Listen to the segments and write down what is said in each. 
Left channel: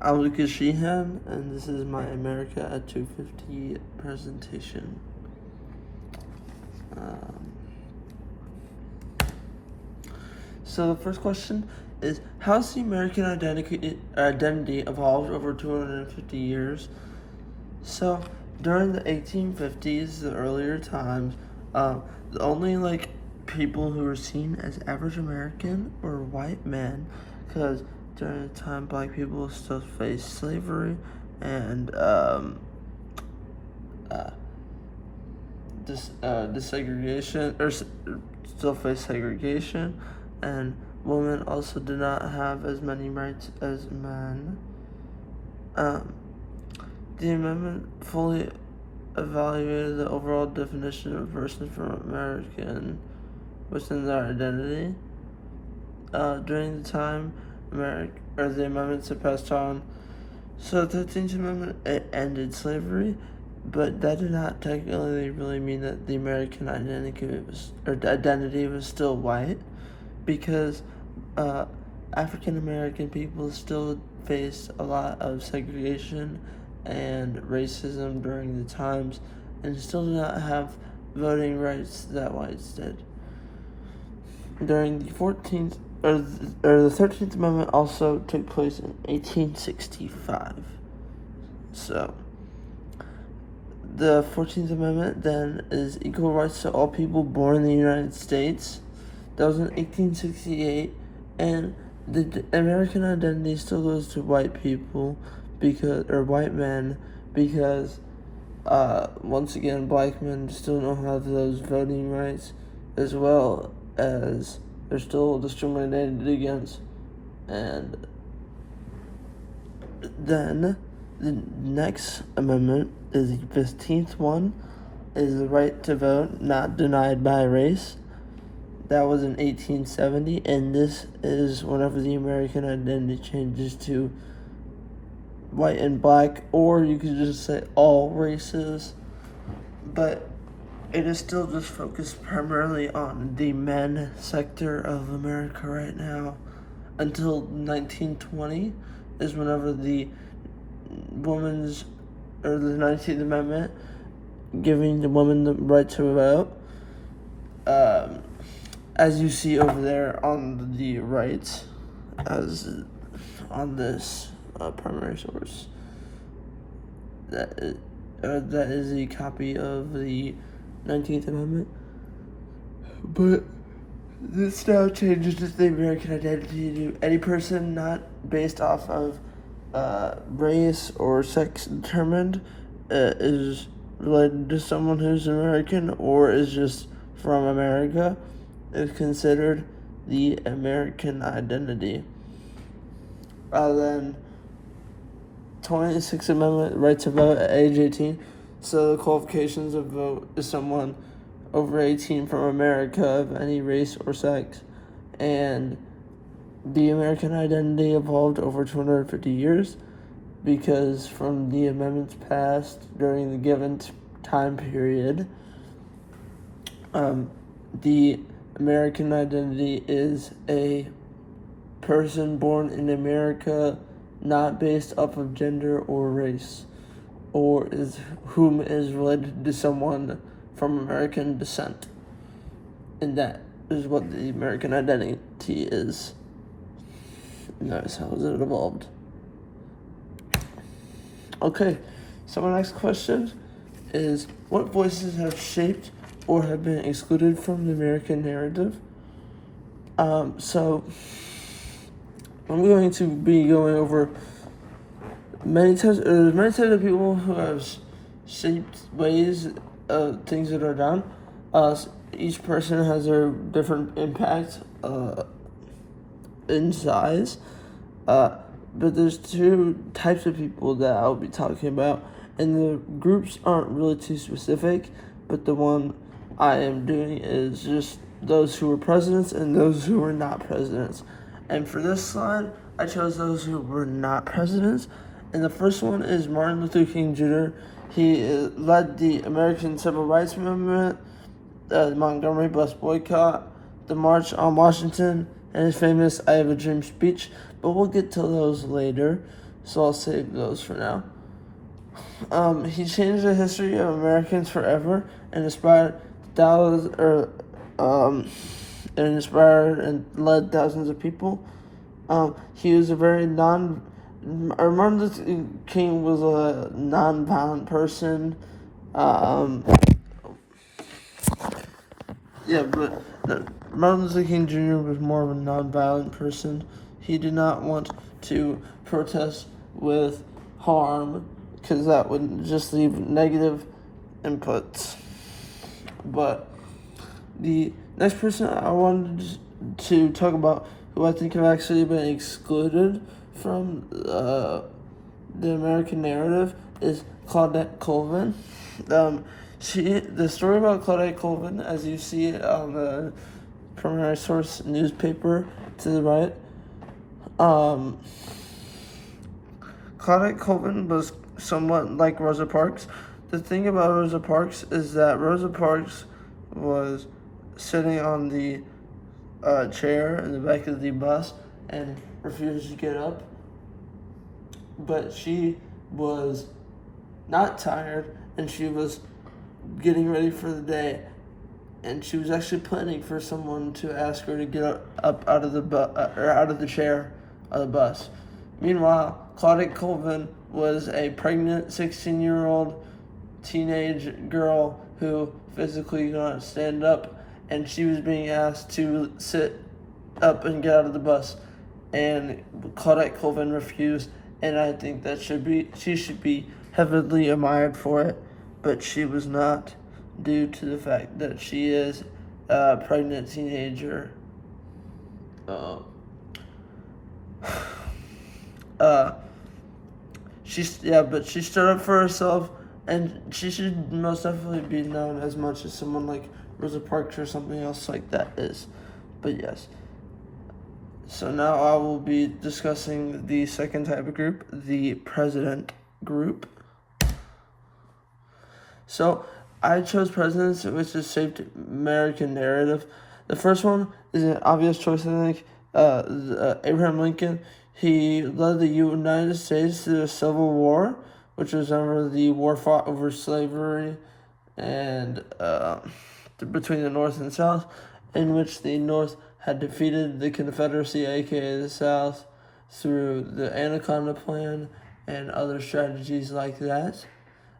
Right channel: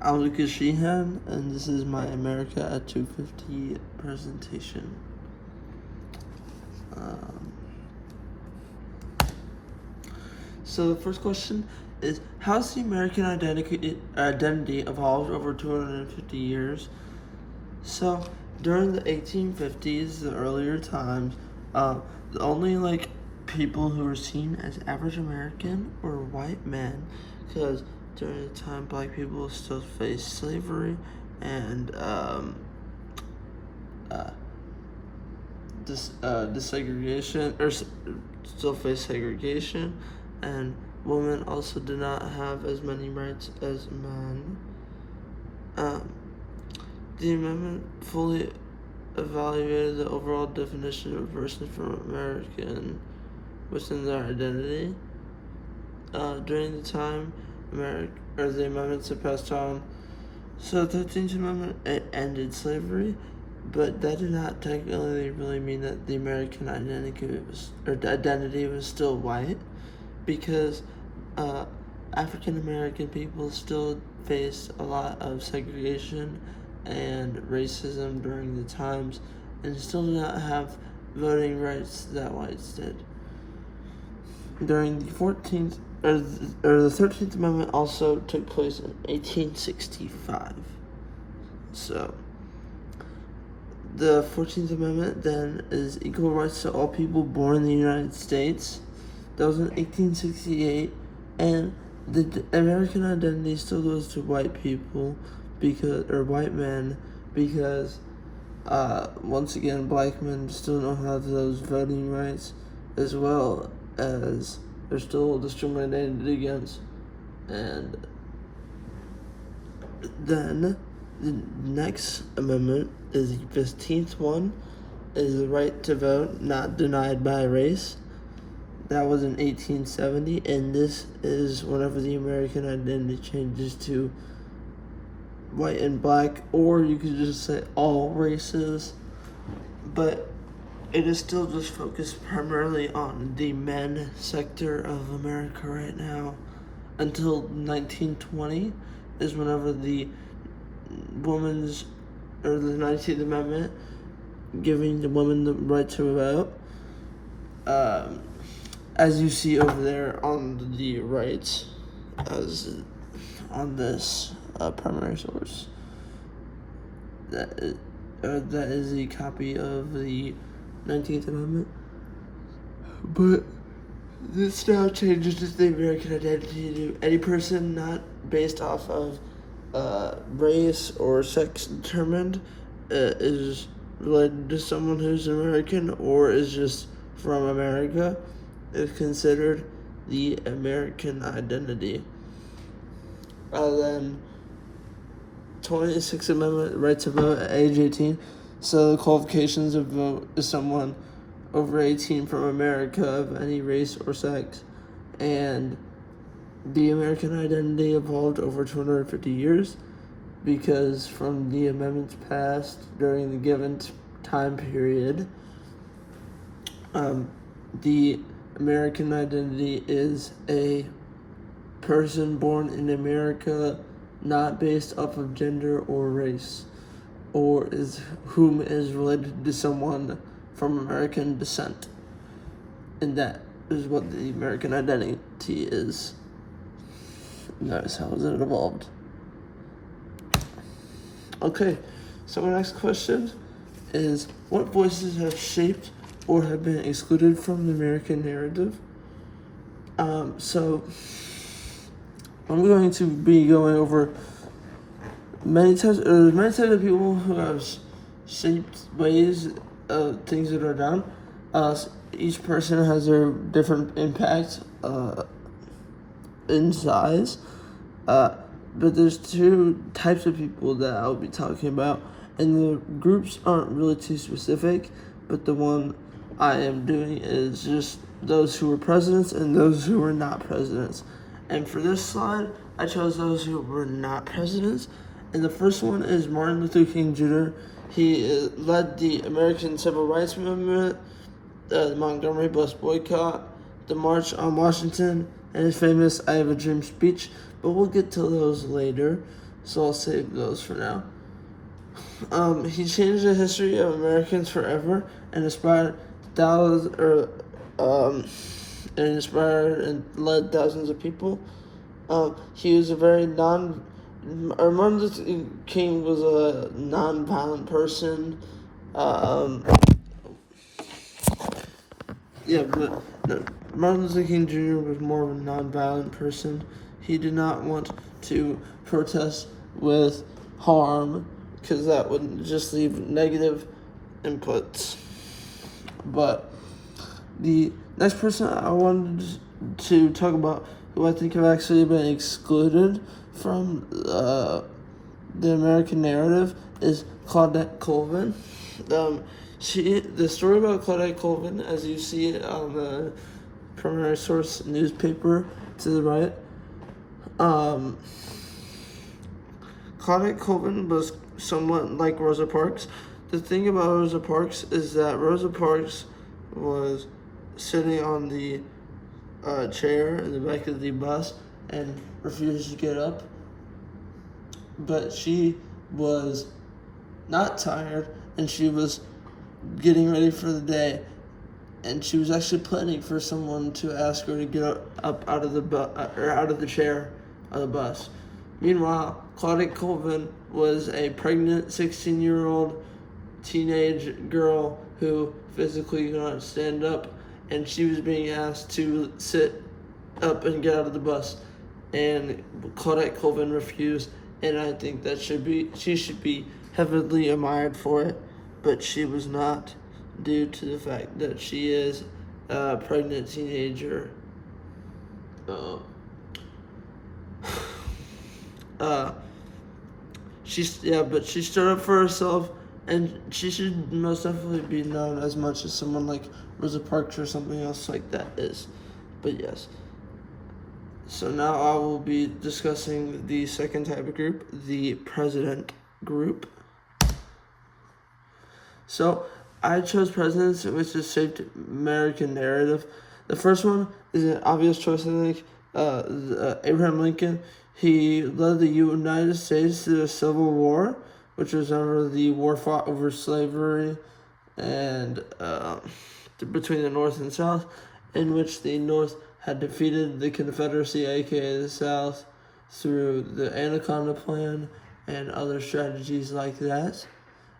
I'm Lucas Sheehan, and this is my America at 250 presentation. Um, so the first question is, how has the American identity evolved over 250 years? So during the 1850s, the earlier times, the only people who were seen as average American were white men, because during the time black people still faced slavery and desegregation, or still face segregation, and women also did not have as many rights as men. The amendment fully evaluated the overall definition of a person from American within their identity. During the time the amendments had passed on, so the 13th Amendment, it ended slavery, but that did not technically really mean that the American identity was still white, because African American people still faced a lot of segregation and racism during the times, and still did not have voting rights that whites did. During the 13th Amendment also took place in 1865. So the 14th Amendment then is equal rights to all people born in the United States. That was in 1868, and the American identity still goes to white people or white men, because once again, black men still don't have those voting rights, as well as they're still discriminated against. And then the next amendment is the 15th one, is the right to vote not denied by race. That was in 1870, and this is whenever the American identity changes to white and black, or you could just say all races, but it is still just focused primarily on the men sector of America right now. Until 1920 is whenever the the 19th Amendment, giving the woman the right to vote. As you see over there on the right, as on this primary source, that is a copy of the 19th Amendment. But this now changes the American identity to any person not based off of race or sex determined, is related to someone who's American or is just from America, is considered the American identity. Then 26th Amendment, right to vote at age 18. So the qualifications of vote is someone over 18 from America of any race or sex. And the American identity evolved over 250 years, because from the amendments passed during the given time period, the American identity is a person born in America, not based off of gender or race, or whom is related to someone from American descent. And that is what the American identity is. And that is how it evolved. Okay, so my next question is, what voices have shaped or have been excluded from the American narrative? So I'm going to be going over many types of people who have shaped ways of things that are done. Each person has their different impact in size. But there's two types of people that I'll be talking about, and the groups aren't really too specific, but the one I am doing is just those who were presidents and those who were not presidents. And for this slide, I chose those who were not presidents. And the first one is Martin Luther King Jr. He led the American Civil Rights Movement, the Montgomery Bus Boycott, the March on Washington, and his famous I Have a Dream speech, but we'll get to those later. so I'll save those for now. He changed the history of Americans forever and inspired thousands, and inspired and led thousands of people. He was a very Martin Luther King was a non-violent person. Um, yeah, but Martin Luther King Jr. was more of a non-violent person. He did not want to protest with harm because that would just leave negative inputs. But the next person I wanted to talk about, who I think have actually been excluded from the American narrative, is Claudette Colvin. The story about Claudette Colvin, as you see it on the Primary Source newspaper to the right, Claudette Colvin was somewhat like Rosa Parks. The thing about Rosa Parks is that Rosa Parks was sitting on the chair in the back of the bus and refused to get up. But she was not tired, and she was getting ready for the day, and she was actually planning for someone to ask her to get up out of the chair of the bus. Meanwhile, Claudette Colvin was a pregnant 16-year-old teenage girl who physically could not stand up, and she was being asked to sit up and get out of the bus, and Claudette Colvin refused, and I think that she should be heavily admired for it, but she was not, due to the fact that she is a pregnant teenager. But she stood up for herself, and she should most definitely be known as much as someone like Rosa Parks or something else like that is. But yes. So now I will be discussing the second type of group, the president group. So I chose presidents which has shaped American narrative. The first one is an obvious choice, I think. Abraham Lincoln. He led the United States through the Civil War, which was under the war fought over slavery and between the North and South, in which the North had defeated the Confederacy, aka the South, through the Anaconda Plan and other strategies like that.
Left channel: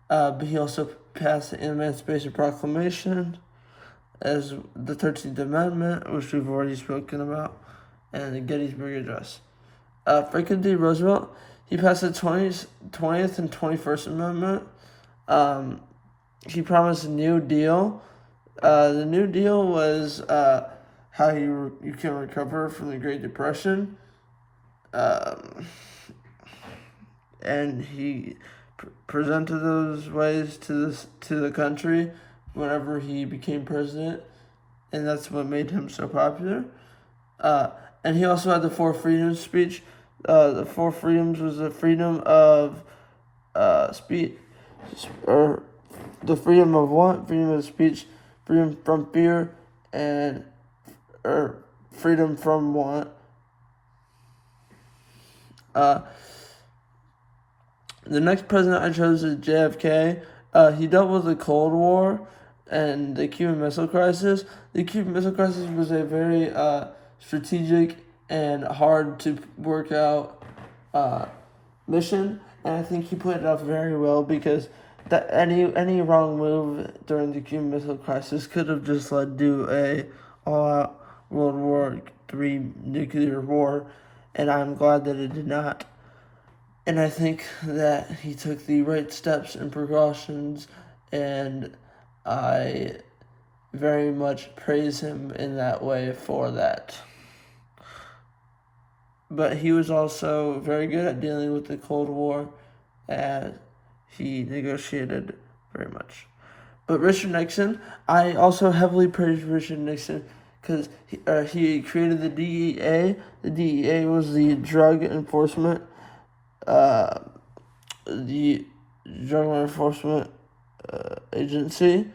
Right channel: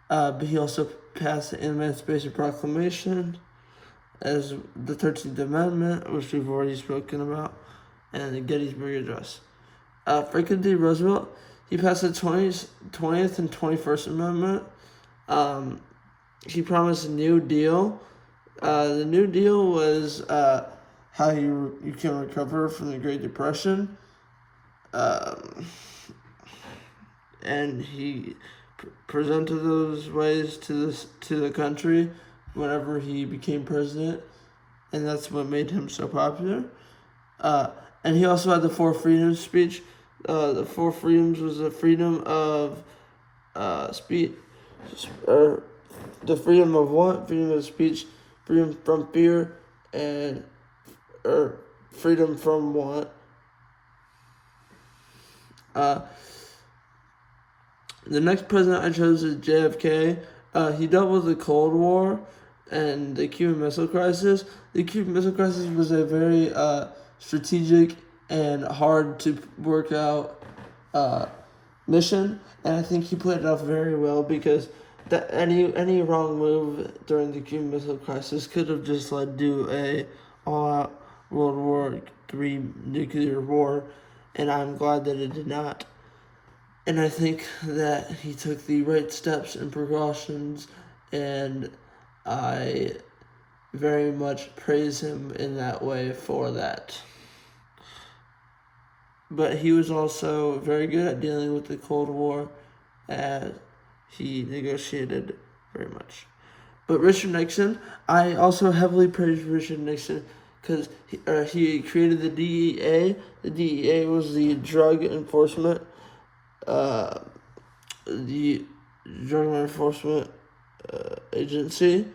But he also passed the Emancipation Proclamation, as the 13th Amendment, which we've already spoken about, and the Gettysburg Address. Franklin D. Roosevelt, he passed the 20th and 21st Amendment. He promised a New Deal. The New Deal was how you can recover from the Great Depression. And he presented those ways to the country whenever he became president, and that's what made him so popular. And he also had the Four Freedoms speech. The Four Freedoms was the freedom of speech, or the freedom of what? Freedom of speech, freedom from fear, or freedom from what? The next president I chose is JFK. He dealt with the Cold War and the Cuban Missile Crisis. The Cuban Missile Crisis was a very strategic and hard to work out mission, and I think he played it off very well, because that any wrong move during the Cuban Missile Crisis could have just led to a all-out World War III nuclear war, and I'm glad that it did not. And I think that he took the right steps and precautions, and I very much praise him in that way for that. But he was also very good at dealing with the Cold War, as he negotiated very much. But Richard Nixon, I also heavily praise Richard Nixon, because he created the DEA. The DEA was the Drug Enforcement Agency,